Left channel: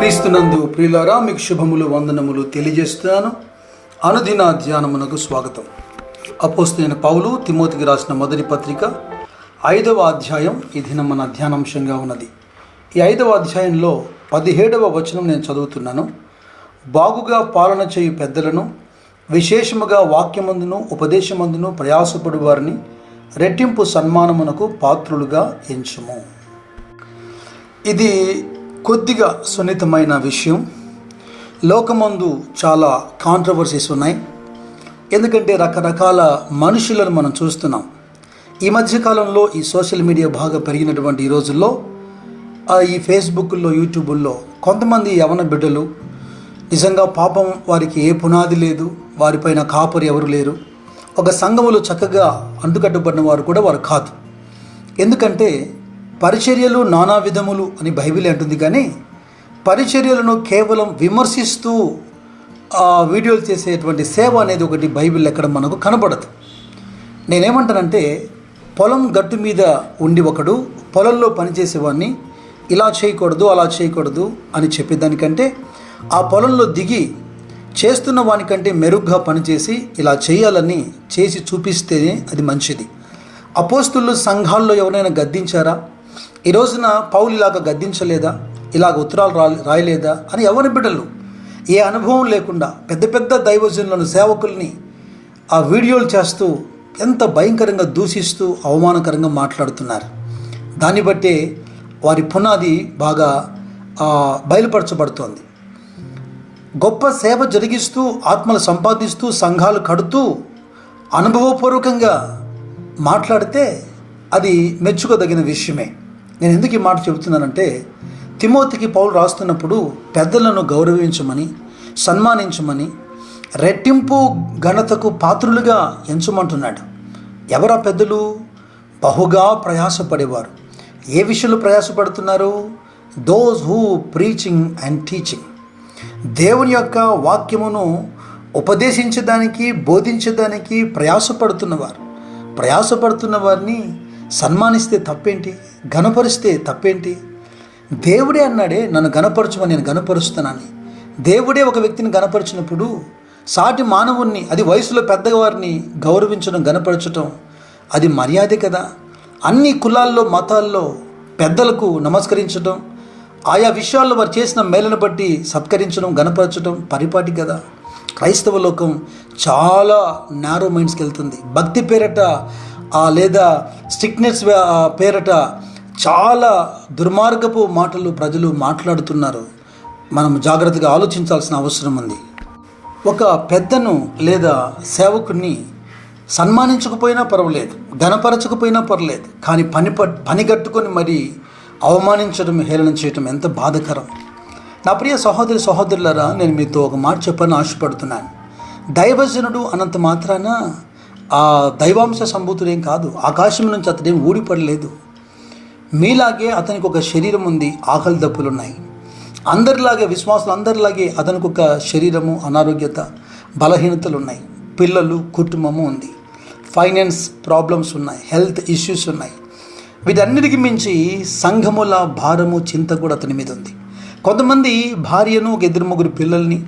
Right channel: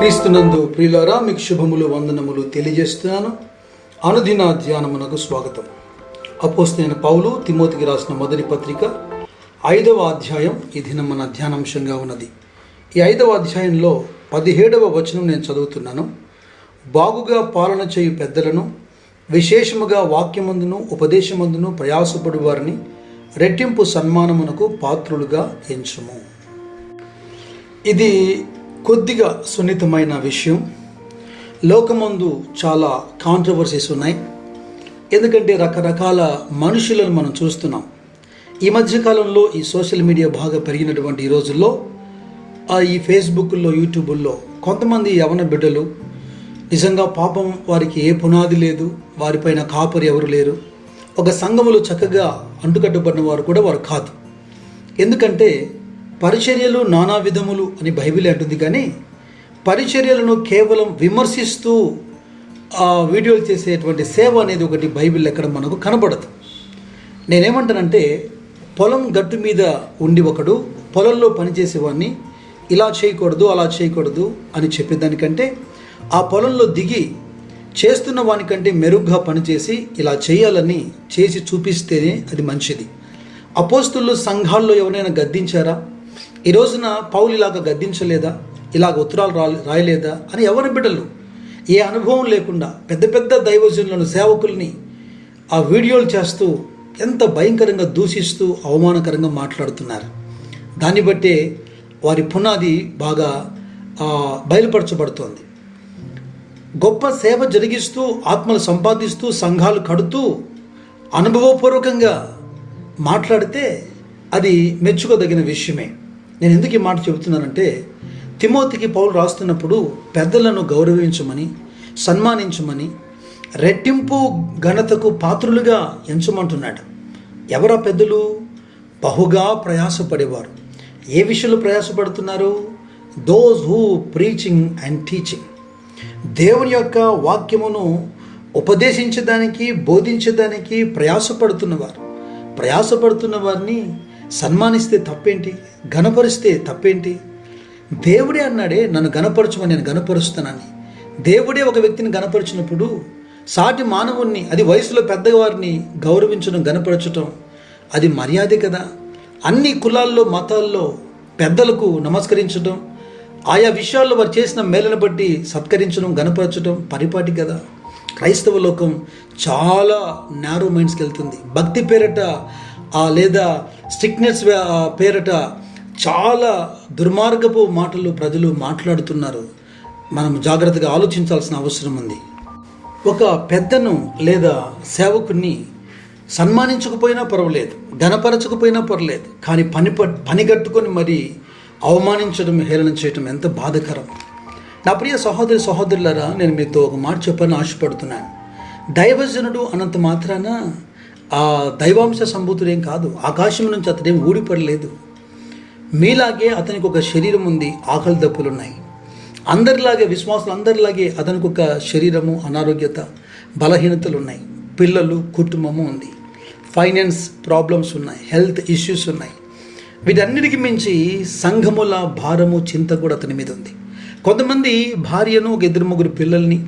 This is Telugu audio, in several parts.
క్రీస్తునందు ప్రియులారా, మీకు శుభములు వందనములు తెలియజేస్తున్నాను. అనుదిన ధ్యానమునకు స్వాగతం. అపోస్తలుడైన పౌలు తిమోతికి రాసిన మొదటి పత్రిక 5వ అధ్యాయం ఈ దినం మన ధ్యానాంశంగా ఉన్నది. ఈ 5వ అధ్యాయంలో 17వ వచనం నేను చదువుతున్నాను. బాగుగా పాలన చేయు పెద్దలను, విశేషముగా వాక్యమందును ఉపదేశమందును ప్రయాసపడు వారిని రెట్టింపు సన్మానమునకు పాత్రులుగా ఎంచుము. ఇది కొద్దిగా సున్నితమైన విషయం. లోకమందు చాలా కాంట్రవర్సీస్ ఉన్నాయి. ఎందుకంటే రకరకాల మనుషులను మనం చూస్తున్నాం. ఈ మధ్యకాలంలో ఈ సోషల్ మీడియా బాగా పెరిగినటువంటి ఈ రోజుల్లో ఈ ఫేస్బుక్లో, యూట్యూబుల్లో కొంతమంది యవన బిడ్డలు నిజంగా పాపం వారికి ఏ పునాది లేదు, వారిపైన కాపరి ఎవరు లేరు, ఒక సంఘములో చక్కగా అంటుకట్టుబడిన వారు కూడా వారు కాదు. ఎందుకంటే పరిచర్యలు నానా విధములు అని బైబిల్ అంటుంది, కానీ పరిచర్యలను కేవలం విమర్శిస్తూ వీడియోలు చేసేటువంటి సేవ అనేది ఒకటి బైబిల్ ఎక్కడ మనకు కనబడదు. నేనేమంటానంటే, పొలం గట్టు మీద ఉండి ఒకడు పొలంలో పనిచేసేవాడిని ఇలా చేయకూడదు అలా చేయకూడదు అని చెప్పేదానికంటే, ఆ పొలంలో దిగి చేస్తున్న వానికంటే మెరుగ్గా పనిచేసి ఇలా చేయాలని చేసి చూపిస్తేనే అది మంచిది. అపోస్తులు సంఘాల్లో ఎవరైనా గద్దించారా? ఈ రోజున పౌలు ఇలాగ గద్దించలేదా, ఇలాగ ఉత్తరాలు రాయలేదా అని ఎవరి బిడ్డలు ఏ అనుభవం లేకుండా పెద్ద పెద్ద దైవజనులను, సేవకుల్ని ఆ వీడియోలు చేస్తూ ఎంత భయంకరంగా దూషిస్తూ అవమానకరంగా మాట్లాడుతున్నారు. దాన్ని బట్టే వారి పునాది బాగా బయలుపరచబడుతోంది. గొప్ప సేవ జరిగిస్తూ, ఆత్మలు సంపాదిస్తూ, సంఘాలు కడుతూ అనుభవపూర్వకంగా మాట్లాడితే అది మెచ్చుకోదగిన విషయమే. నేను ఎందుకు ఈ మాట చెబుతున్నానంటే, తిమోతికి పౌలు రాస్తున్నప్పుడు పెద్దలను గౌరవించమని, సన్మానించమని, రెట్టింపు ఘనతకు పాత్రులుగా ఎంచమంటున్నాడు. ఎవరా పెద్దలు? బహుగా ప్రయాసపడేవారు. ఏ విషయంలో ప్రయాసపడుతున్నారు? Those who preaching and teaching. దేవుని యొక్క వాక్యమును ఉపదేశించడానికి, బోధించడానికి ప్రయాసపడుతున్న వారిని సన్మానిస్తే తప్పేంటి? ఘనపరిస్తే తప్పేంటి? దేవుడే అన్నాడే, నన్ను ఘనపరచమని, నేను ఘనపరుస్తానని. దేవుడే ఒక వ్యక్తిని ఘనపరిచినప్పుడు సాటి మానవుణ్ణి, అది వయసులో పెద్దవారిని గౌరవించడం, ఘనపరచడం అది మర్యాదే కదా. అన్ని కులాల్లో, మతాల్లో పెద్దలకు నమస్కరించడం, ఆయా విషయాల్లో వారు చేసిన మేలను బట్టి సత్కరించడం, ఘనపరచడం పరిపాటి కదా. క్రైస్తవ లోకం చాలా నారో మైండ్స్కి వెళ్తుంది. భక్తి పేరట లేదా స్ట్రిక్ట్నెస్ పేరట చాలా దుర్మార్గపు మాటలు ప్రజలు మాట్లాడుతున్నారు. మనం జాగ్రత్తగా ఆలోచించాల్సిన అవసరం ఉంది. ఒక పెద్దను లేదా సేవకుని సన్మానించకపోయినా పర్వాలేదు, ఘనపరచకపోయినా పర్లేదు, కానీ పని కట్టుకొని మరి అవమానించడం, హేళన చేయడం ఎంత బాధకరం. నా ప్రియ సహోదరులారా, నేను మీతో ఒక మాట చెప్పాలని ఆశపడుతున్నాను. దైవజనుడు అనంత మాత్రాన ఆ దైవాంశ సంభూతుడేం కాదు. ఆకాశం నుంచి అతడేం ఊడిపడలేదు. మీలాగే అతనికి ఒక శరీరం ఉంది, ఆకలి దప్పులున్నాయి. అందరిలాగే, విశ్వాసులు అందరిలాగే అతనికి ఒక శరీరము, అనారోగ్యత, బలహీనతలు ఉన్నాయి. పిల్లలు, కుటుంబము ఉంది. ఫైనాన్స్ ప్రాబ్లమ్స్ ఉన్నాయి, హెల్త్ ఇష్యూస్ ఉన్నాయి. వీటన్నిటికి మించి సంఘముల భారము, చింత కూడా అతని మీద ఉంది. కొంతమంది భార్యను, ఒక 2-3 పిల్లల్ని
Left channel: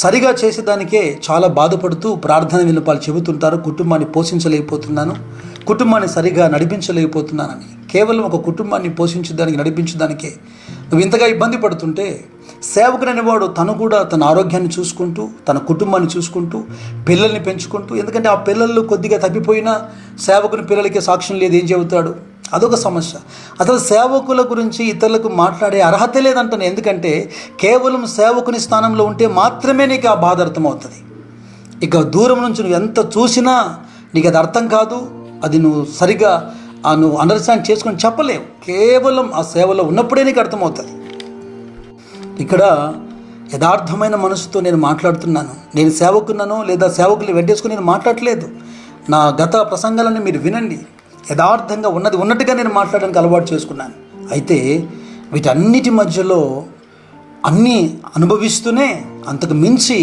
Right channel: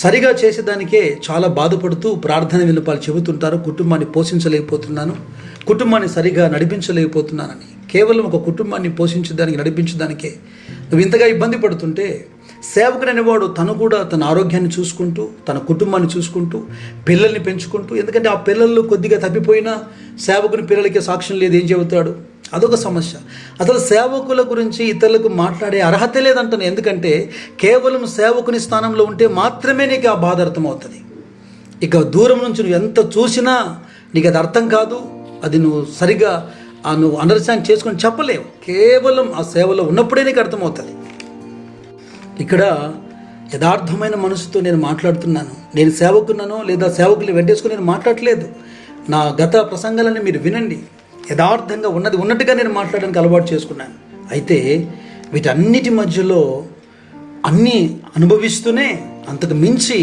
సరిగా చేసేదానికే చాలా బాధపడుతూ ప్రార్థన విన్నపాలు చెబుతుంటారు. కుటుంబాన్ని పోషించలేకపోతున్నాను, కుటుంబాన్ని సరిగా నడిపించలేకపోతున్నానని. కేవలం ఒక కుటుంబాన్ని పోషించడానికి, నడిపించడానికే నువ్వు ఇంతగా ఇబ్బంది పడుతుంటే, సేవకుడైన వాడు తను కూడా తన ఆరోగ్యాన్ని చూసుకుంటూ, తన కుటుంబాన్ని చూసుకుంటూ, పిల్లల్ని పెంచుకుంటూ, ఎందుకంటే ఆ పిల్లలు కొద్దిగా తప్పిపోయినా సేవకుని పిల్లలకి సాక్ష్యం లేదు, ఏం చెబుతాడు? అదొక సమస్య. అసలు సేవకుల గురించి ఇతరులకు మాట్లాడే అర్హత లేదంటాను. ఎందుకంటే కేవలం సేవకుని స్థానంలో ఉంటే మాత్రమే నీకు ఆ బాధ అర్థమవుతుంది. ఇక దూరం నుంచి నువ్వు ఎంత చూసినా నీకు అది అర్థం కాదు. అది నువ్వు సరిగా నువ్వు అండర్స్టాండ్ చేసుకొని చెప్పలేవు. కేవలం ఆ సేవలో ఉన్నప్పుడే నీకు అర్థమవుతుంది. ఇక్కడ యథార్థమైన మనసుతో నేను మాట్లాడుతున్నాను. నేను సేవకున్నానో లేదా సేవకులు వెంటేసుకుని నేను మాట్లాడలేదు. నా గత ప్రసంగాలని మీరు వినండి. యథార్థంగా ఉన్నది ఉన్నట్టుగా నేను మాట్లాడడానికి అలవాటు చేసుకున్నాను. అయితే వీటన్నిటి మధ్యలో అన్నీ అనుభవిస్తూనే అంతకు మించి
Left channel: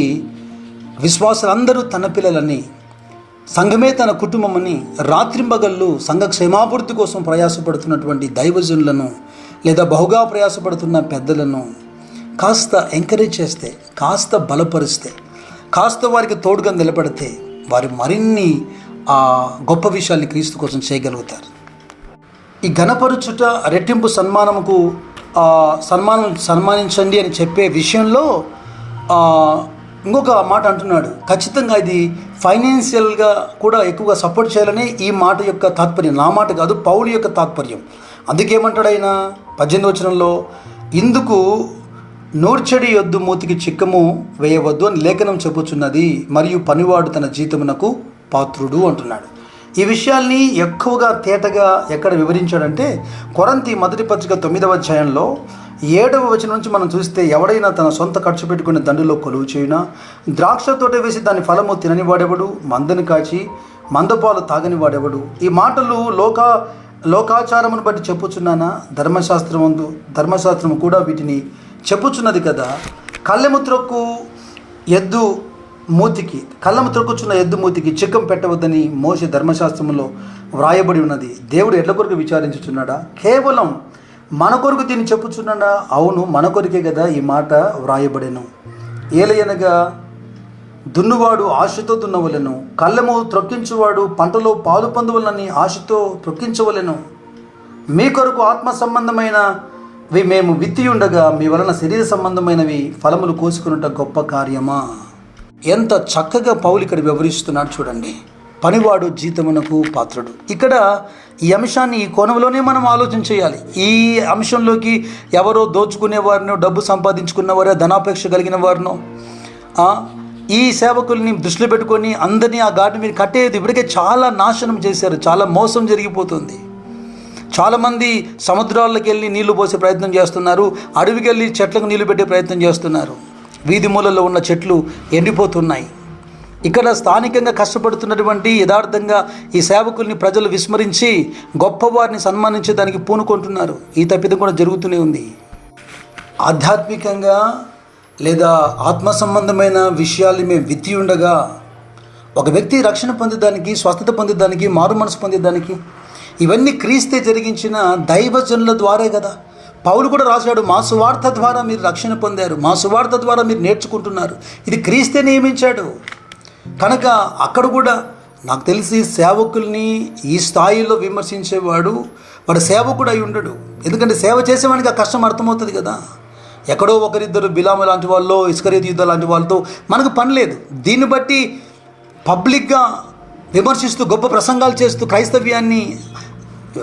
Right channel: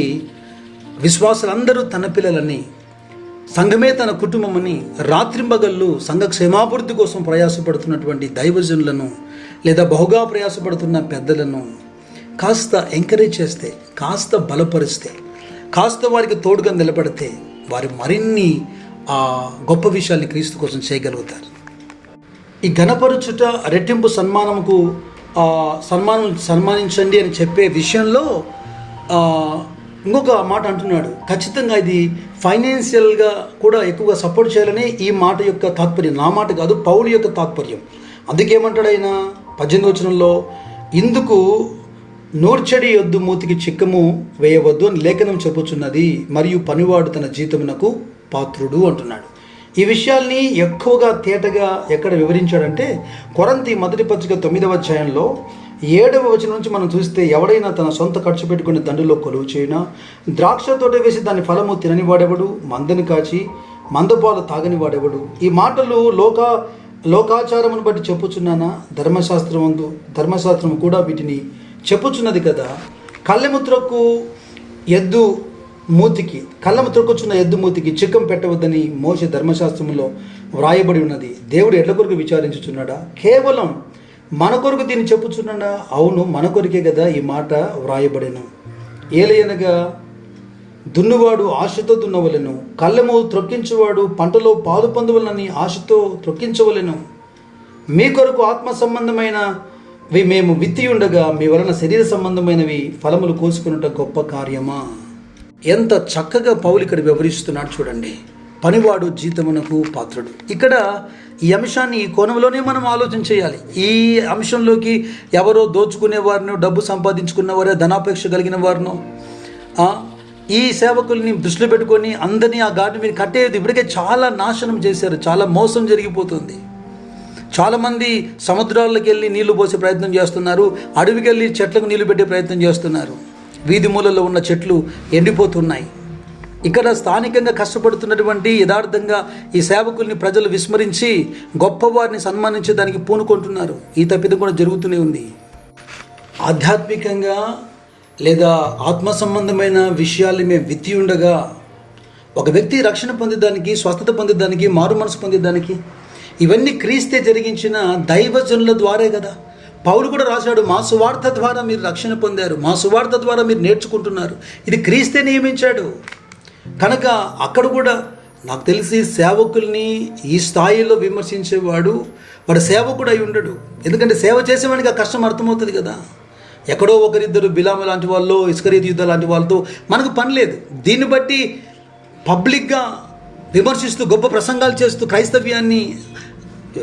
విశ్వాసులందరూ తన పిల్లలని, సంఘమే తన కుటుంబమని రాత్రింబగళ్ళు సంఘ క్షేమాభివృద్ధి కోసం ప్రయాసపడుతున్నటువంటి దైవజనులను లేదా బహుగా ప్రయాసపడుతున్న పెద్దలను కాస్త ఎంకరేజ్ చేస్తే, కాస్త బలపరిస్తే, కాస్త వారికి తోడుగా నిలబడితే వారు మరిన్ని గొప్ప విషయాల్ని క్రీస్తు కోసం చేయగలుగుతారు. ఈ ఘనపరచుట రెట్టింపు సన్మానముకు సన్మానించండి అని చెప్పే విషయంలో ఇంకొక మాట అంటున్నాడు. ఖచ్చితంగా ఇది ఫైనాన్షియల్గా కూడా ఎక్కువగా సపోర్ట్ చేయాలనే ఈ మాట యొక్క తాత్పర్యం. నా మాట కాదు, పౌలు యొక్క తాత్పర్యం. అందుకేమంటాడు ఆయన 18వ వచనంలో, ఇందుకు నూర్చెడి యొద్దు మూతికి చిక్కము వేయవద్దు అని లేఖనం చెప్పుచున్నది, మరియు పనివాడు తన జీతమునకు పాత్రుడు అంటున్నాడు. ఈ విషయాల్ని ఎక్కువగా తేటగా ఎక్కడ వివరించాడంటే కొరింథీ మొదటి పత్రిక 9వ అధ్యాయంలో 7వ వచనం నుంచి మనం చూస్తే, ఎవడైనా తన సొంత ఖర్చు పెట్టుకుని దండులో కొలువు చేయినా, ద్రాక్ష తోట వేసి దాని ఫలము తినని వాడెవడు, మందని కాచి మందపాలు తాగని వాడెవడు. ఈ మాటలు లోకాచారమును బట్టి చెప్పుచున్నానా? ధర్మశాస్త్రము కూడా వీటిని చెప్పుచున్నది కదా. కళ్ళెము త్రొక్కుచున్న ఎద్దు మూతికి చిక్కం పెట్టవద్దని మోషే ధర్మశాస్త్రములో వ్రాయబడి ఉన్నది. దేవుడు ఎడ్ల కొరకు విచారించుచున్నాడా? కేవలం మన కొరకు దీన్ని చెప్పుచున్నాడా? అవును, మన కొరికే కదా ఈ మాట వ్రాయబడెను. ఏలయనగా దున్నువాడు ఆశతో దున్నవలెను, కళ్ళెము త్రొక్కించువాడు పంటలో పాలు పొందవలనని ఆశతో త్రొక్కించవలెను. మీ కొరకు ఆత్మ సంబంధమైనవి మేము విత్తి ఉండగా మీ వలన శరీర సంబంధమైనవి ఫలములు కోసుకున్నట గొప్ప కార్యమా? ఎంత చక్కగా పౌలు ఇక్కడ వివరిస్తున్నాడు చూడండి. పనివాడు జీతమునకు పాత్రుడు. ఇక్కడ ఈ అంశాన్ని ఈ కోణంలోనే మనం ఆలోచన చేయాలి. ఈ అంశంలోకి ఎవరో దోచుకునేవారినో, డబ్బు సంపాదించుకున్నవారో, ధనాపేక్ష కలిగిన వారినో, ఈ సేవకుల్ని దృష్టిలో పెట్టుకొని అందరినీ ఆ ఘాటు మీద కట్టేది. ఇప్పటికే చాలా నాశనం చేశారు, చాలా మోసం జరిగిపోతుంది. చాలామంది సముద్రాల్లోకి వెళ్ళి నీళ్లు పోసే ప్రయత్నం చేస్తున్నారు, అడవికి వెళ్ళి చెట్లకు నీళ్లు పెట్టే ప్రయత్నం చేస్తున్నారు. వీధి మూలలో ఉన్న చెట్లు ఎండిపోతున్నాయి. ఇక్కడ స్థానికంగా కష్టపడుతున్నటువంటి యథార్థంగా ఈ సేవకుల్ని ప్రజలు విస్మరించి గొప్పవారిని సన్మానించేదానికి పూనుకుంటున్నారు. ఈ తప్పిదం కూడా జరుగుతూనే ఉంది. ఆధ్యాత్మికంగా లేదా ఆత్మ సంబంధమైన విషయాల్ని మేము విత్తి ఉండగా ఒక వ్యక్తి రక్షణ పొందేదానికి, స్వస్థత పొందేదానికి, మారు మనసు పొందేదానికి ఇవన్నీ క్రీస్తే జరిగించిన దైవజనుల ద్వారే కదా. పౌలు కూడా రాశాడు, మా సువార్త ద్వారా మీరు రక్షణ పొందారు, మా సువార్త ద్వారా మీరు నేర్చుకుంటున్నారు. ఇది క్రీస్తే నియమించాడు. కనుక అక్కడ కూడా నాకు తెలిసి సేవకుల్ని ఈ స్థాయిలో విమర్శించేవాడు వాడు సేవకుడు అయి ఉండడు. ఎందుకంటే సేవ చేసేవాడికి ఆ కష్టం అర్థమవుతుంది కదా. ఎక్కడో ఒకరిద్దరు బిలాము లాంటి వాళ్ళు, ఇస్కరియోతు యూదా లాంటి వాళ్ళతో మనకు పని లేదు. దీన్ని బట్టి పబ్లిక్గా విమర్శిస్తూ గొప్ప ప్రసంగాలు చేస్తూ క్రైస్తవ్యాన్ని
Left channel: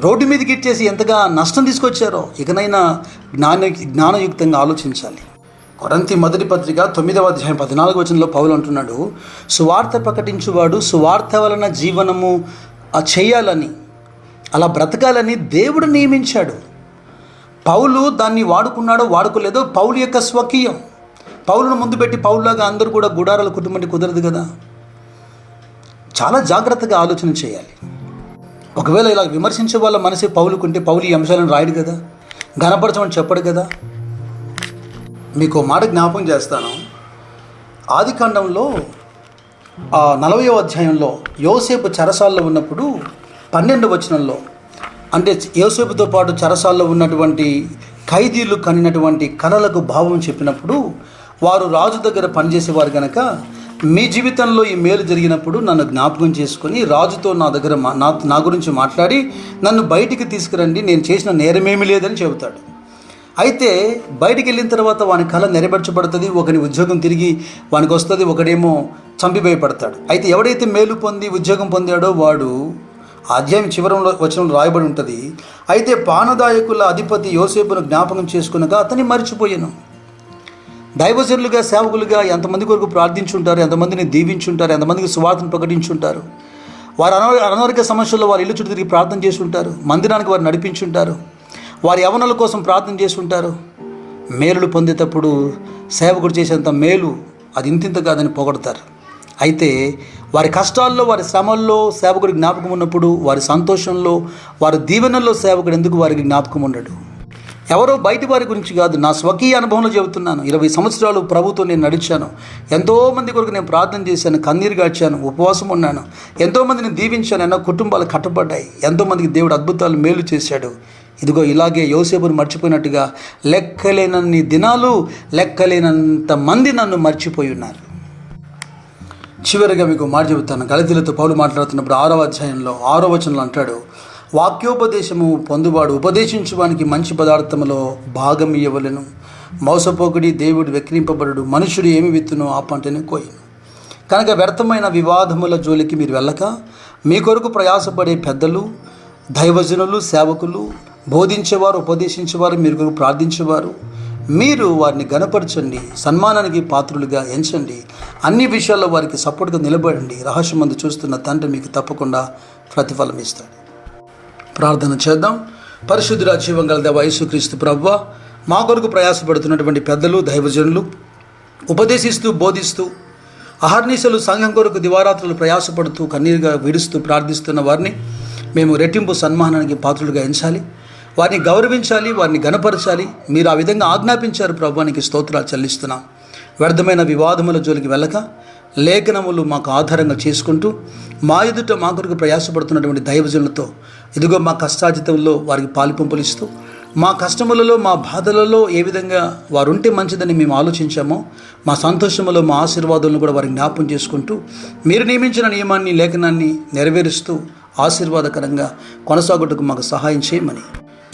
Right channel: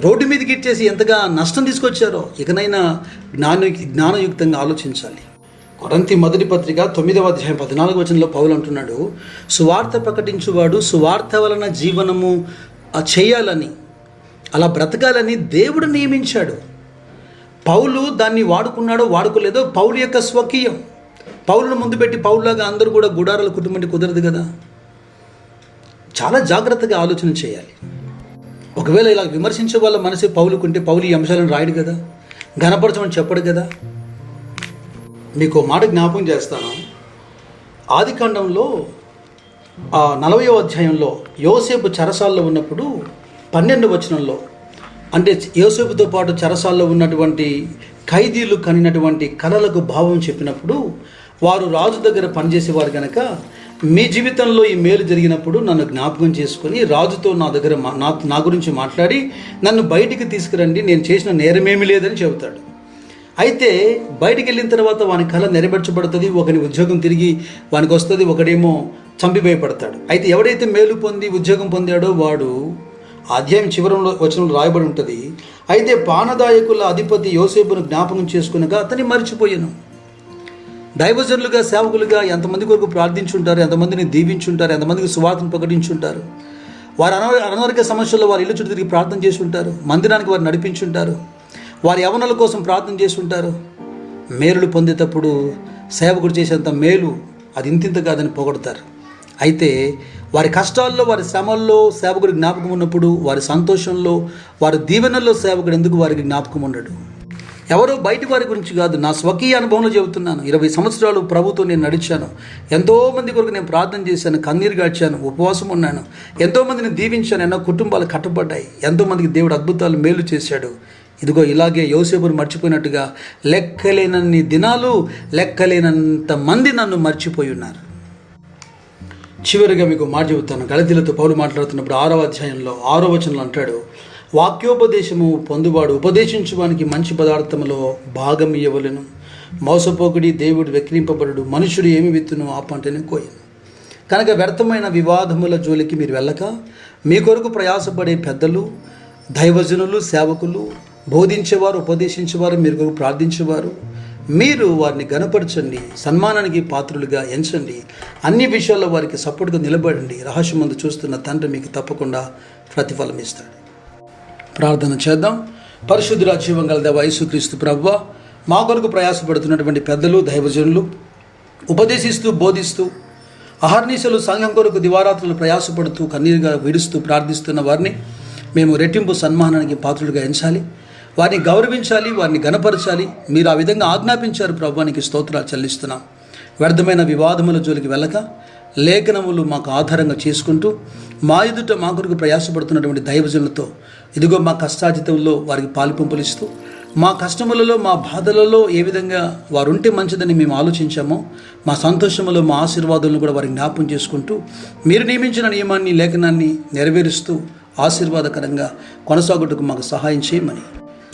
రోడ్డు మీదకి ఇచ్చేసి ఎంతగా నష్టం తీసుకొచ్చారో ఇకనైనా జ్ఞానయుక్తంగా ఆలోచించాలి. కొరింథీ మొదటి పత్రిక 9వ అధ్యాయం 14వ వచనంలో పౌలు అంటున్నాడు, సువార్త ప్రకటించువాడు సువార్త వలన జీవనము చేయాలని, అలా బ్రతకాలని దేవుడు నియమించాడు. పౌలు దాన్ని వాడుకున్నాడో వాడుకోలేదో పౌలు యొక్క స్వకీయం. పౌలును ముందు పెట్టి పౌలులాగా అందరూ కూడా గుడారాల కుటుంబం కుదరదు కదా. చాలా జాగ్రత్తగా ఆలోచన చేయాలి. ఒకవేళ ఇలా విమర్శించే వాళ్ళ మనసే పౌలుకుంటే పౌలు ఈ అంశాలను రాయడు కదా, ఘనపరచమని చెప్పడు కదా. మీకు మాట జ్ఞాపకం చేస్తాను. ఆదికాండంలో 40వ అధ్యాయంలో యోసేపు చెరసాల్లో ఉన్నప్పుడు 12వ వచనంలో, అంటే యోసేపుతో పాటు చెరసాల్లో ఉన్నటువంటి ఖైదీలు కనినటువంటి కలలకు భావం చెప్పినప్పుడు, వారు రాజు దగ్గర పనిచేసేవారు కనుక మీ జీవితంలో ఈ మేలు జరిగినప్పుడు నన్ను జ్ఞాపకం చేసుకొని రాజుతో నా గురించి మాట్లాడి నన్ను బయటికి తీసుకురండి, నేను చేసిన నేరమేమీ లేదని చెబుతాడు. అయితే బయటికి వెళ్ళిన తర్వాత వాని కళ నెరవేర్చబడుతుంది, ఒకని ఉద్యోగం తిరిగి వానికి వస్తుంది, ఒకడేమో చంపి భయపడతాడు. అయితే ఎవడైతే మేలు పొంది ఉద్యోగం పొందాడో వాడు అధ్యాయం చివరంలో వచనంలో రాయబడి ఉంటుంది, అయితే పానదాయకుల అధిపతి యోసేపును జ్ఞాపకం చేసుకునగా అతన్ని మరిచిపోయాను. దైవజనులుగా సేవకులుగా ఎంతమంది కొరకు ప్రార్థించుంటారు, ఎంతమందిని దీవించుంటారు, ఎంతమందికి సువార్తను ప్రకటించుంటారు. వారు అనారోగ్య సమస్యల్లో వారి ఇల్లు చుట్టూ తిరిగి ప్రార్థన చేసి ఉంటారు, మందిరానికి వారు నడిపించుంటారు, వారి యవనుల కోసం ప్రార్థన చేసి ఉంటారు. మేలులు పొందేటప్పుడు సేవకుడు చేసేంత మేలు అది ఇంతింత కాదని పొగడతారు. అయితే వారి కష్టాల్లో, వారి శ్రమల్లో సేవకుడి జ్ఞాపకం ఉన్నప్పుడు, వారి సంతోషంలో, వారి దీవెనల్లో సేవకుడు ఎందుకు వారికి జ్ఞాపకం ఉండడు? ఎవరో బయటి వారి గురించి కాదు, నా స్వకీయ అనుభవంలో చెబుతున్నాను. 20 సంవత్సరాలు ప్రభుతో నేను నడిచాను. ఎంతోమంది కొరకు నేను ప్రార్థన చేశాను, కన్నీరు గార్చాను, ఉపవాసం ఉన్నాను, ఎంతోమందిని దీవించాను, ఎన్నో కుటుంబాలు కట్టబడ్డాయి, ఎంతోమందికి దేవుడు అద్భుతాలు మేలు చేశాడు. ఇదిగో ఇలాగే యోసేపును మర్చిపోయినట్టుగా లెక్కలేనన్ని దినాలు లెక్కలేనంత మంది నన్ను మర్చిపోయి ఉన్నారు. చివరిగా మీకు మాట చెబుతాను. గళతీయులతో పౌలు మాట్లాడుతున్నప్పుడు 6వ అధ్యాయంలో 6వ వచనంలో అంటాడు, వాక్యోపదేశము పొందువాడు ఉపదేశించువానికి మంచి పదార్థములో భాగం ఇయ్యవలెను. మోసపోకుడి దేవుడు వెక్కిరింపబడు, మనుషుడు ఏమి విత్తునో ఆ పంటని కోయను. కనుక వ్యర్థమైన వివాదముల జోలికి మీరు వెళ్ళక మీ కొరకు ప్రయాసపడే పెద్దలు, దైవజనులు, సేవకులు, బోధించేవారు, ఉపదేశించేవారు, మీరు కొరకు ప్రార్థించేవారు, మీరు వారిని గణపరచండి, సన్మానానికి పాత్రులుగా ఎంచండి, అన్ని విషయాల్లో వారికి సపోర్ట్గా నిలబడండి. రహస్యమందు చూస్తున్న తండ్రి మీకు తప్పకుండా ప్రతిఫలం ఇస్తాడు. ప్రార్థన చేద్దాం. పరిశుద్ధుడా, జీవం గల దేవా యేసుక్రీస్తు ప్రభువా, మా కొరకు ప్రయాసపడుతున్నటువంటి పెద్దలు, దైవజనులు, ఉపదేశిస్తూ బోధిస్తూ అహర్నిశలు సంఘం కొరకు దివారాత్రులు ప్రయాసపడుతూ కన్నీరుగా విడుస్తూ ప్రార్థిస్తున్న వారిని మేము రెట్టింపు సన్మానానికి పాత్రులుగా ఎంచాలి, వారిని గౌరవించాలి, వారిని గణపరచాలి. మీరు ఆ విధంగా ఆజ్ఞాపించారు ప్రభువానికి స్తోత్రాలు చెల్లిస్తున్నాం. వ్యర్థమైన వివాదముల జోలికి వెళ్ళక లేఖనములు మాకు ఆధారంగా చేసుకుంటూ మా ఎదుట మా కొరకు ప్రయాసపడుతున్నటువంటి దైవజనులతో ఇదిగో మా కష్టాజితంలో వారికి పాలిపంపులిస్తూ మా కష్టములలో, మా బాధలలో ఏ విధంగా వారు ఉంటే మంచిదని మేము ఆలోచించామో, మా సంతోషములో మా ఆశీర్వాదాలను కూడా వారికి జ్ఞాపం చేసుకుంటూ మీరు నియమించిన నియమాన్ని, లేఖనాన్ని నెరవేరుస్తూ ఆశీర్వాదకరంగా కొనసాగుటకు మాకు సహాయం చేయమని,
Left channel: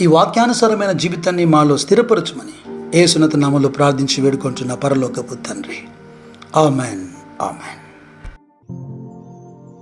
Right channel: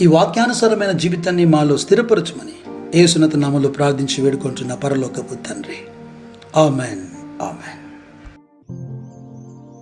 ఈ వాక్యానుసారమైన జీవితాన్ని మాలో స్థిరపరచమని యేసునాథ నామములో ప్రార్థించి వేడుకుంటున్న పరలోకపు తండ్రి. ఆమెన్. ఆమెన్.